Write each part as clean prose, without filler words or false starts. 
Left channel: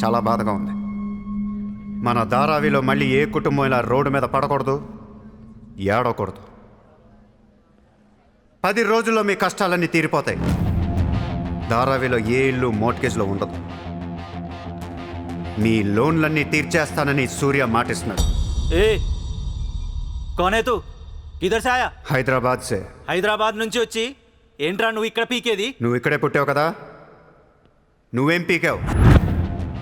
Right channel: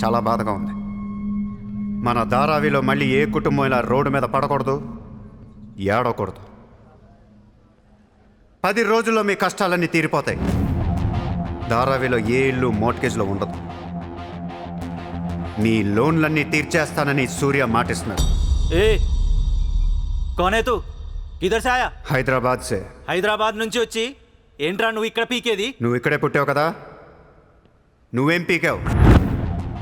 చాలా బాధగా ఉంది. మన ధారావిలో మళ్ళీ ఏ కుటుంబం ఇలా రోడ్డు మీద పడకూడదు, ఏడకూడదు. 10 రోజుల్లో మీ కష్టాలన్నీ తీరిపోతాయి. ధారావిలో ఏ ఇల్లు మోర్ట్గేజ్లో ఉండదు. మీ లోన్లన్నీ తీర్చేస్తానని సూర్య మాటిస్తున్నాడు. ఏ कौन है तू? किधर से आया? హైదరాబాద్ సే. హైదరాబాద్ నుంచి వచ్చి ఏంట్రా నువ్వు ఇక్కడ పీకేది? నువ్వు ఇక్కడే పుట్టావు కదా, నువ్వేం పీకావు?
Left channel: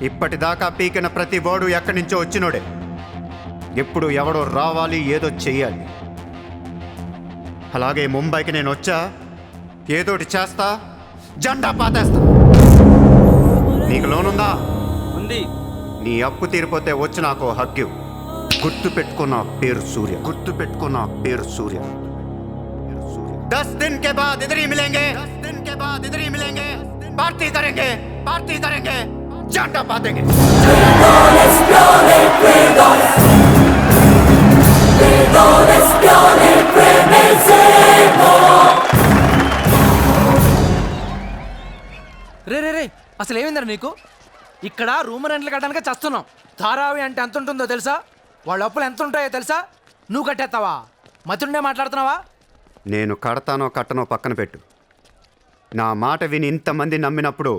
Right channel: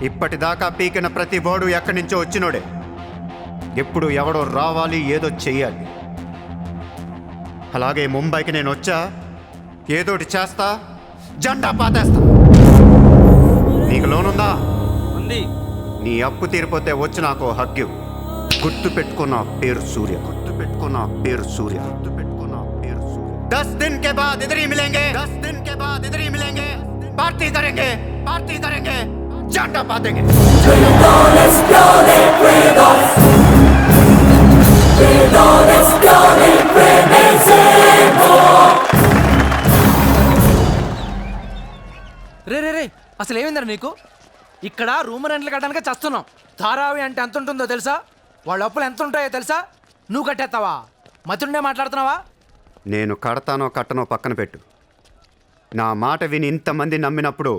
ఇప్పటిదాకా పీకిన ప్రతి వాడు ఎక్కడి నుంచో వచ్చినోడే. ఎప్పుడు ఎవడో రావాలి, ఏదో చెయ్యాలి. అలాగే ముంబైకి నేను వచ్చా, ఏదోటి చేస్తా, జెండా పాతేస్తా. నీకు లోనుందా? ఉంది. నీ అప్పు తీరిపోతే వచ్చి నాకు హగ్గు. గుర్తు పెట్టుకున్న పేరు సూర్య. గుర్తు పెట్టుకున్న పేరు సూర్య. గుర్తు పెట్టుకున్న పేరు సూర్య. 10 दिन के बाद इधर ही मिलेंगे, पार्टी करेंगे, पार्टी करेंगे, झंडा पातेंगे. రే రే రే అసలు ఏమైందరా నీకు? ఇక్కడ రూమ్ రెంట్లు కట్టడానికి చస్తున్నాం. ధారావి అంటే ఎంత ఉంటుందో తెలుసా? వాళ్ళ అప్పులు ఎంత ఉంటాయో తెలుసా? నువ్వు కట్టేస్తావా? మతుండే మాట్లాడుతున్నావా? నేను కడతానో కట్టనో పక్కన పెట్టు. నా మాట విని ఇంతమంది నమ్మినప్పుడు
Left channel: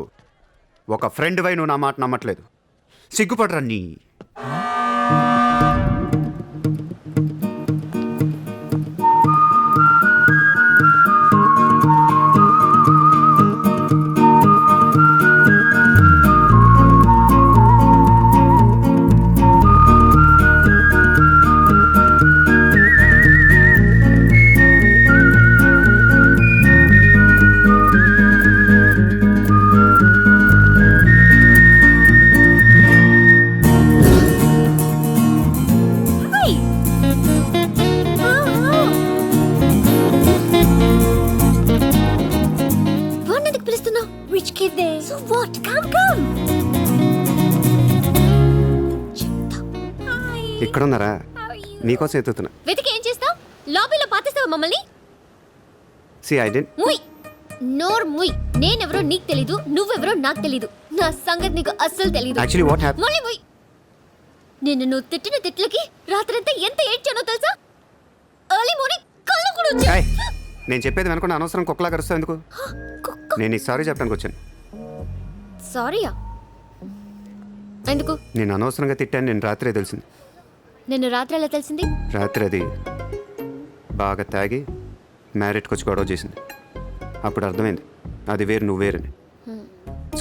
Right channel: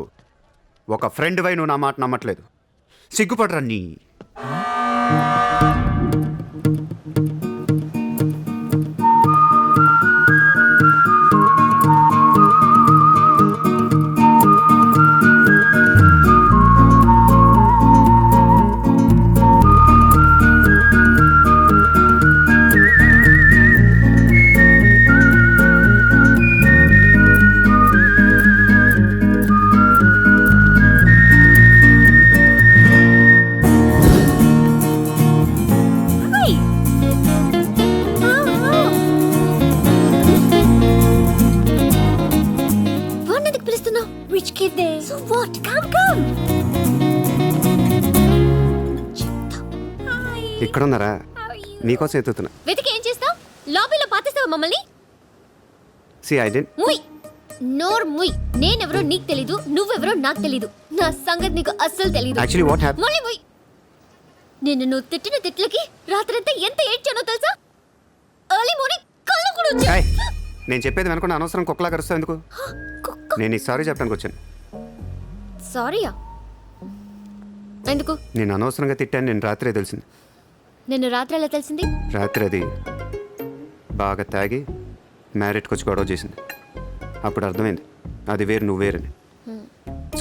ఒక ఫ్రెండ్ వై నువ్వు నా మాట నమ్మట్లేదు. సిగ్గుపడరా నీ. ఇక్కడున్నారా? నీకోసం ఎత్తుతున్నా. వెతికి ఏం చేస్తావు? లాబీలో పాతేస్తావా మమ్మల్ని? ముయ్ నోర్ ముయ్. నేనెవరో నీకు తెలీదు, నువ్వెవరో నాకు తెలీదు. నా సంగతి నీకు అస్సలు తెలీదు. Actually what happened? మళ్ళీ ముయ్. నువ్వు తిట్టిన తిట్లకి రాత్రంతా ఎంత ఏడ్చానో తెలుసా? ఎర్లీ మార్నింగ్ కళ్ళు కూడా వచ్చాయి. నేను చెప్పేది వెనకుండా అనవసరం కుక్కలా కరుస్తావు ఎందుకు? నేను ఈ సారీ చెప్పడానికి వచ్చాను. సారీయా? ఎందుకు? నేను అనవసరంగా తిట్టాను. నేను రాత్రే తెలిసింది. నిన్ను రాత్రి ఎలా తెలిసింది? రాత్రి అది బాగా తాగి మ్యారేట్కి వచ్చి గొడవ చేసింది. అప్పుడు అర్థమైంది అది వేరు, నువ్వు వేరని.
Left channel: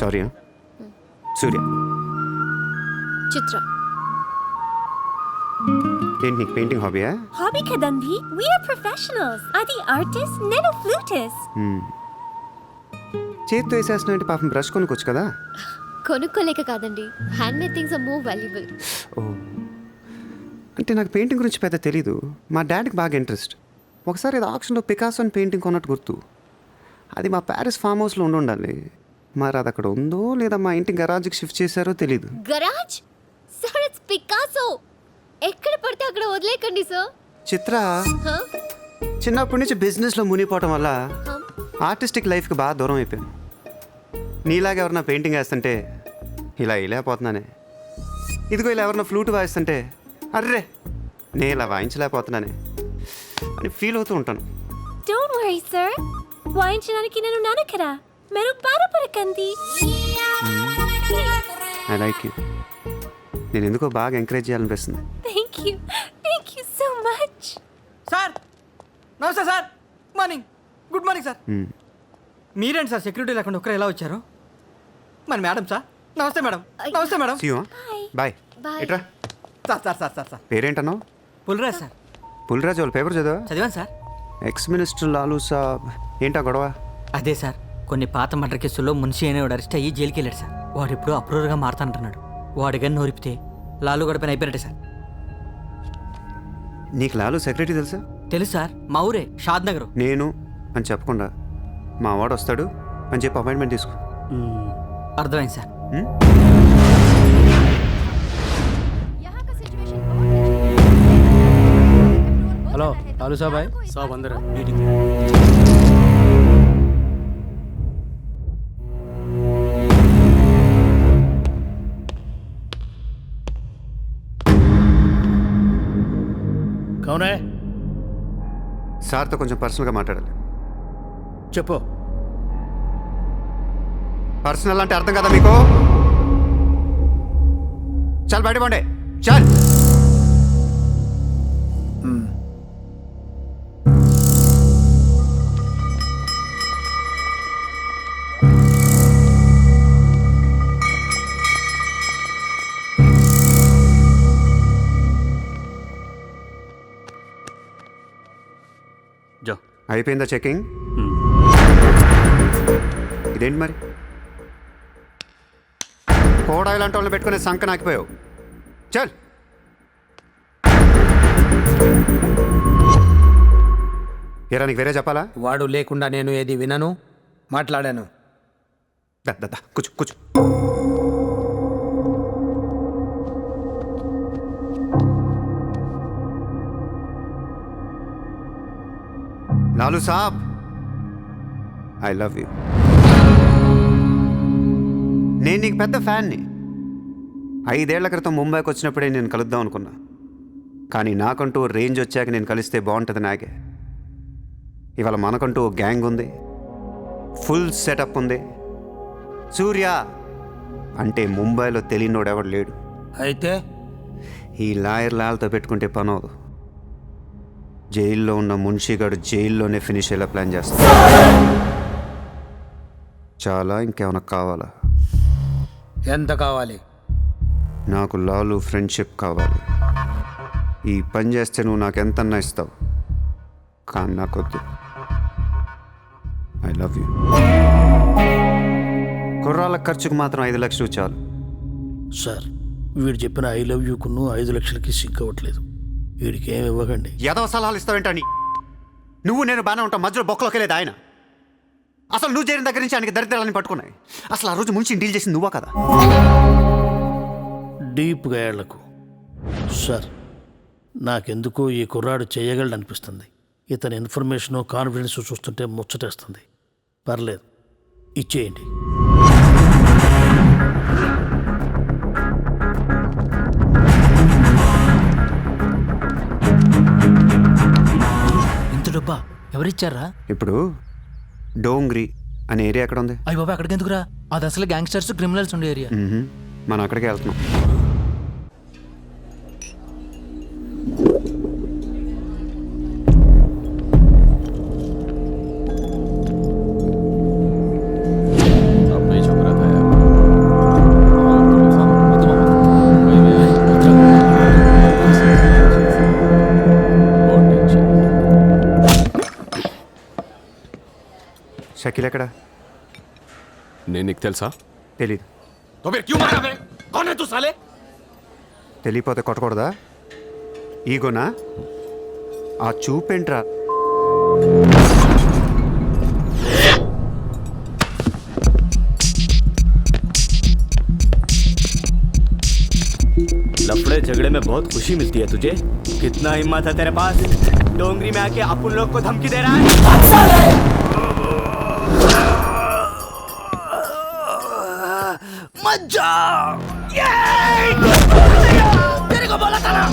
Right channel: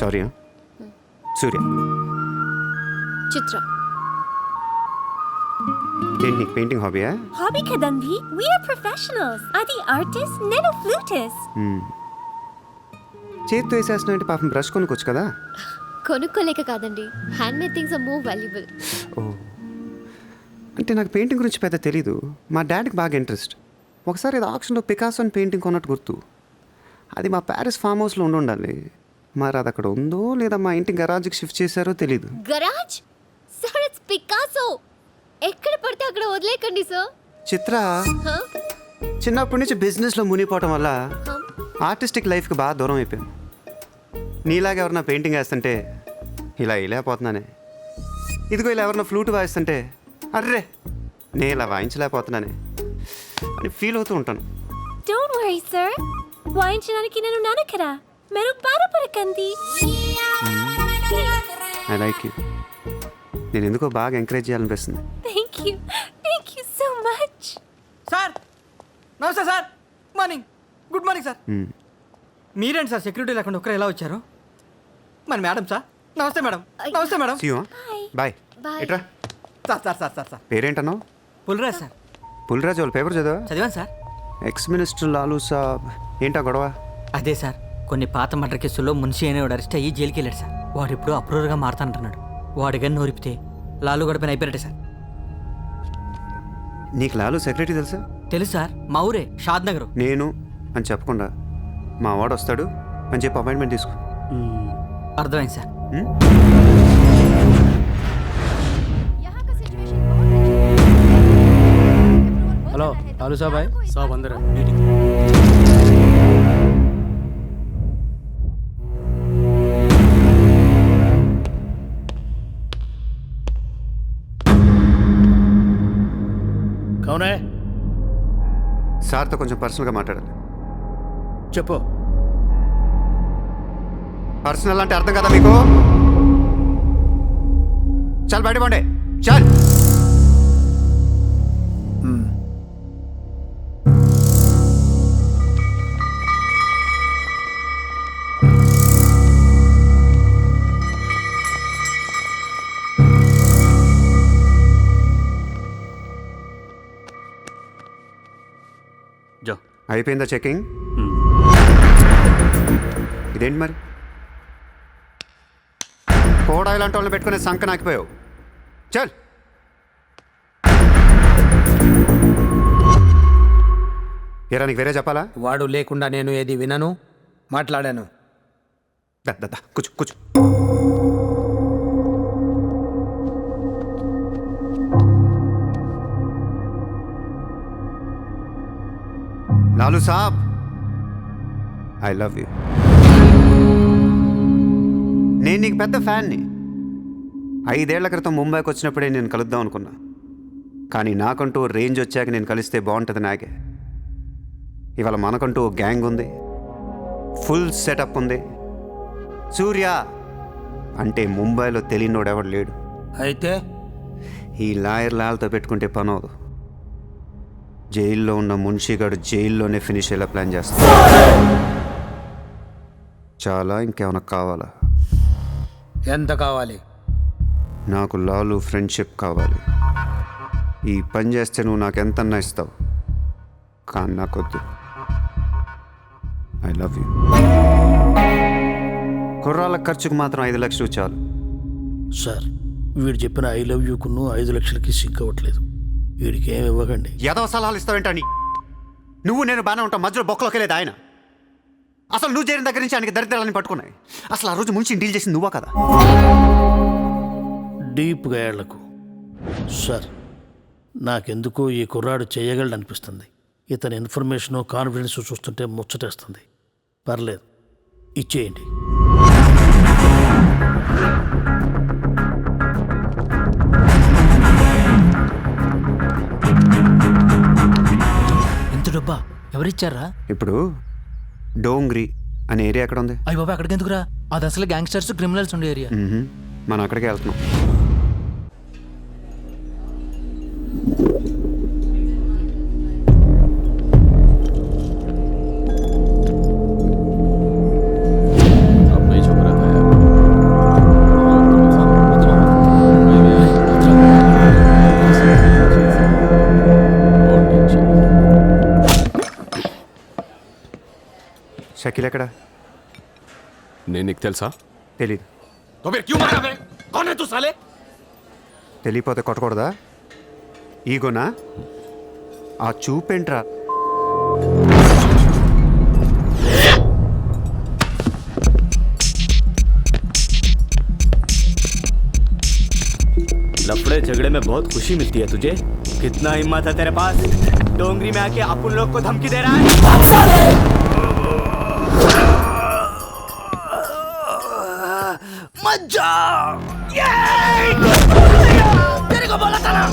సారీ. సూర్య. చిత్ర. ఏంటి నీకు పెయింటింగ్ హాబీయా? హాబీ కదండి, వి ఆర్ ప్రొఫెషనల్స్. అది ఆర్టిస్ట్, నేను ఫ్లూటిస్ట్. చేతితో వేసేస్తున్నావు ఏంటి? పాపం బ్రష్ కొనుక్కోవచ్చు కదా. కొనుక్కోలేక కాదండి, hand made things are more valuable. Oh, అంటే నాకు పెయింటింగ్ గురించి పెద్ద తెలీదు. మా డాడీకి బాగా ఇంట్రెస్ట్. ఒకసారి ఏదో ఆక్షన్లో పికాసో అని పెయింటింగ్ కొన్నట్టు గుర్తు. అది మా ప్యారిస్ ఫామ్ హౌస్లో ఉండాలి. మరి అది అక్కడ ఉందో లేదా మా ఇంటి గరాజ్కి షిఫ్ట్ చేశారో తెలీదు. గరాజ్? Sir, it's Picasso. ఎక్కడ పడితే అక్కడ వదిలేకండి సార్. చిత్ర, చిన్నప్పటి నుంచి బిజినెస్లో మునిగిపోవటం వల్ల ఆర్టిస్టిక్ లైఫ్కి బాగా దూరం అయిపోయాను. నీలాగా ఎవరన్నా పెయింటింగ్ వేస్తుంటే ఇలా వేయలేకపోతున్నానే. ఇదిగో ఇలా ఎవరన్నా ఫ్లూట్ వాయిస్తుంటే అర్రే నేను ఇలా వాయించలేకపోతున్నానే అని ఫీల్ అవుతూ ఉంటాను. డోంట్ వరీ సార్, వాయించడానికి నేను ఉన్నాను కదా, మీరు బాధపడకండి. I like you. నేను ఎందుకో బాగా ఎంకరేజ్ చేయాలనిపిస్తుంది. Thank you so much. Sir నమస్తే sir. Morning. Good morning sir. మీరేంటి సార్ సెక్యూరిటీ లేకుండా ఒక్కరు ఎలా వచ్చారు? మరి మేడం సార్. నమస్తే మేడం. నమస్తే మేడం. బాయ్. ఎట్రా sir sir sir sir sir పేరేంటన్నావు? పుల్రాజ్ సార్. పుల్రాజ్ వాళ్ళ పేపర్ చదివా? చదివాను sir. Ex minister Lalu Sahab ఏంటా గొడవ? అదే సార్, కొన్ని పాత మర్డర్ కేసుల్లో మున్షి అనేవాడు అరెస్ట్ అయ్యి జైలుకి వెళ్ళాడు సార్. వాడు ఇప్పుడు అప్రూవర్గా మారుతానంటున్నాడు. వాడు గన్ను నోరిపితే లాలు గడపని అయిపోయాడు సార్. నీకు లాలూ సెక్రటరీ తెలుసా? తెలుసు సార్, మా ఊరే, షాద్ నగర్. నేను అని చెప్పకుండా మా వాడు వస్తాడు అని చెప్పి అపాయింట్మెంట్ తీసుకో. అర్థమైంది సార్. हेलो लालू साहब आए? सब अंदर है, मीटिंग. కౌనే సార్తో కొంచెం పర్సనల్గా మాట్లాడాలి. చెప్పు. పర్సనల్ అంటే అర్థం కదా మీకు? చాలు బయట పోండి, చాలు. జో. అయిపోయిందా చెకింగ్? ఇదేంటి మరి కోడా ఇలాంటి వాళ్ళని పెట్టుకునే సంక నాకిపోయావు. చల్. ఏరా నీకు వేరే చెప్పాలా? వాడు లేకుండా నేను ఏది వినను, మాట్లాడాను. దా దా దా, కూర్చో కూర్చో. లాలు సాబ్, ఐ లవ్ యూ. నేను నీకు పెద్ద ఫ్యాన్ని. 5 ఏళ్ల క్రితం ముంబైకి వచ్చినప్పుడే నేను కలుద్దాం అనుకున్నా. కానీ నాకంటూ రేంజ్ వచ్చాక నేను కలిస్తే బాగుంటుంది నాకే. ఇవాళ మనకంటూ ఓ గ్యాంగ్ ఉంది, ఫుల్ సెటప్ ఉంది. సూర్య అంటే ముంబైలో తెలియనోడు ఎవడు లేడు. అయితే ఈ లాయర్ లాల్తో పెట్టుకుంటే పని అవదు. జైల్లో ఉన్న మున్షిగాడు జైల్లోనే ఫినిష్ అయ్యేలా ప్లాన్ చేస్తా. చాలా, ఇంకేమైనా కావాలా? ఎంత కావాలి? నాకు లాలు ఫ్రెండ్షిప్ కావాలి. ఈ పని చేస్తే నువ్వు నాకు ఎంతన్నా ఇస్తావు, కానీ నాకొద్దు. I love you. కుర్రాళ్ళ ఖర్చుకు మాత్రం 5 లక్షలు చాలు. సార్, వీడు చెప్పిన 'ఐ లవ్ యూ'కును 5 లక్షలకి సిగ్గవట్లేదు. వీడికి ఏమి ఇవ్వకండి. ఏదో సలహాలు ఇస్తావేంటని? నువ్వు నేను బాగానే ఉంటాం, మధ్యలో బొక్కలోకి వెళ్ళేది ఆయన. అసలు నువ్వు చేరిన దగ్గర నుంచి ఆయనకి దరిద్రాలని పట్టుకున్నాయి. అసలు ఆ రోజు ముంచి డీల్ చేసింది నువ్వా కదా? డీప్గా ఏళ్లకు. సార్, నాకెందుకో ఈ కుర్రాడు చేయగలడనిపిస్తుంది. ఇతని ఇన్ఫర్మేషను, కాన్ఫిడెన్స్ చూస్తుంటే ముచ్చటేస్తుంది. పర్లేదు, ఇచ్చేయండి. ఇంత డబ్బా ఎవరిచ్చారా? ఇప్పుడు డోంగ్రీ అనే ఏరియా ఎక్కడ ఉంది? అయ్యి బాబా, అక్కడికి ఎందుకురా? అది అసలు గ్యాంగ్స్టర్స్, క్రిమినల్స్ ఉండే ఏరియా. మనం అక్కడికే వెళ్తున్నాం. షకీల్ ఎక్కడ? నేను నీకు తెలుసా? తెలీదు. तो फिर क्यों मारा बे? कौन है तू साले? తెలియపోతే కొట్టకూడదా? ఈగోనా? ఆ చూపేంట్రా? लफड़े झगड़े में बहुत खुशी मिलती है तुझे. कितना हिम्मत है तेरे पास? डोंगरी में आके अपन लोग को धमकी दे रहा है. मत जा. तेरे को बोला था ना,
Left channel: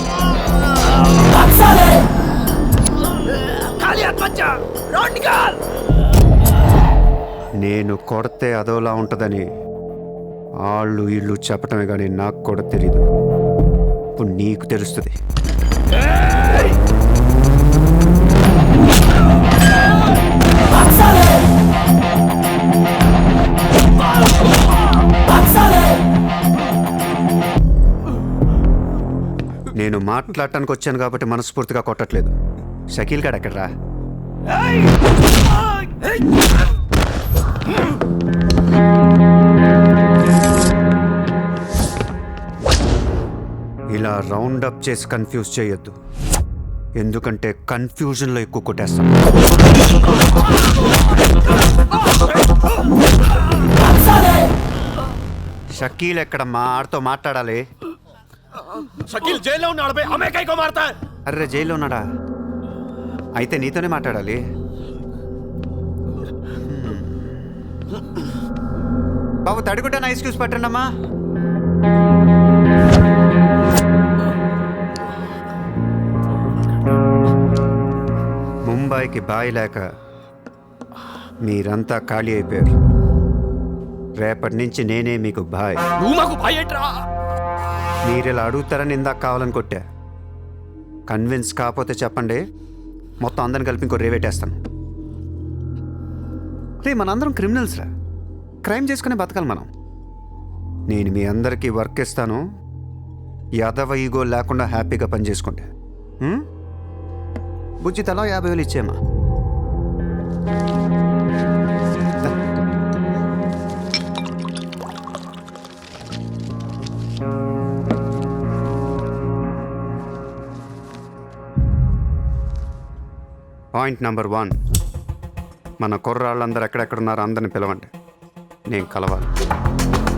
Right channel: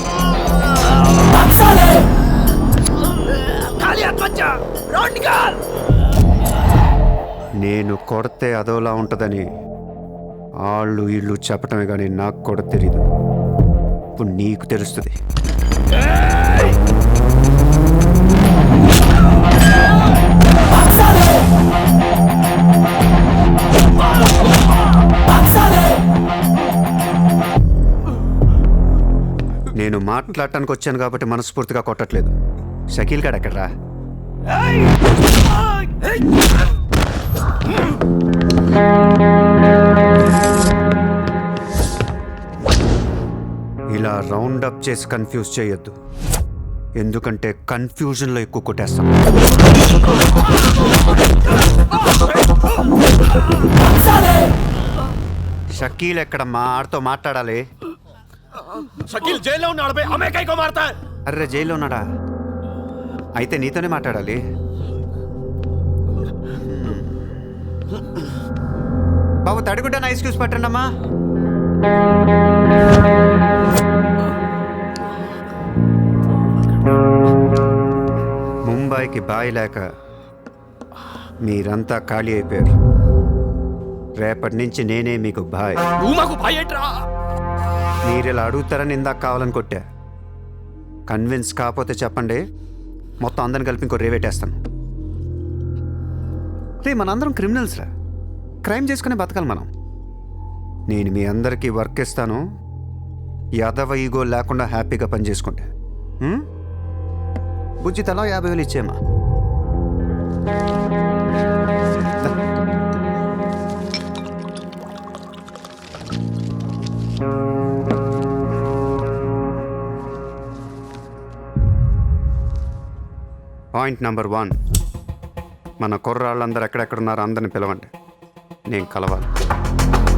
खाली हाथ मत जा. राउंड निकाल. నేను కొడితే అదోలా ఉంటుందని వాళ్ళు వీళ్ళు చెప్పటమే కానీ నాకు కూడా తెలీదు. ఇప్పుడు నీకు తెలుస్తుంది. నేను మాట్లాడటానికి వచ్చాను కాబట్టి మనస్ఫూర్తిగా కొట్టట్లేదు. షకీల్ గాడు ఎక్కడ్రా? ఇలా రౌండ్ అప్ చేసి కన్ఫ్యూజ్ చేయొద్దు, ఎందుకంటే కన్ఫ్యూజన్లో ఎక్కువ కొట్టేస్తాం. షకీల్ ఎక్కడమ్మా? ఆడితో మాట్లాడాలి. शकील जेल లో ఉన్నాడు బే, हमें कई को मारता है? అర్రే జైల్లో ఉన్నాడా? అయితే నీతోనే మాట్లాడాలి. బాబు తడిగుడ్డ ఐస్ క్యూబ్స్ పట్టండి అమ్మా. బాయ్కి బాయ్ లేక మీరంతా ఖాళీ అయిపోయారు. రేపటి నుంచి నేనే మీకు బాయ్. నువ్వు మాకు భయట్రా. మీరు ఇలా అడుగుతారని ఇందాక కావాలని కొట్టా. కన్విన్స్ కాకపోతే చెప్పండి, మొత్తం అందరిని కలిపి ఇంకో రేవేటేస్తాను. రే మనందరం క్రిమినల్స్ రా, క్రైమ్ చేసుకునే బతకాలి మనం. నేను మీ అందరికీ వర్క్ ఇస్తాను, యాదవ ఈగో లేకుండా హ్యాపీగా పని చేసుకుంటే. బుజ్జి తలా 50,000 ఇచ్చేమా. పాయింట్ నెంబర్ 1, మన కుర్రాళ్ళందరూ ఎక్కడెక్కడున్నారో అందరిని పిలవండి, నేను కలవాలి.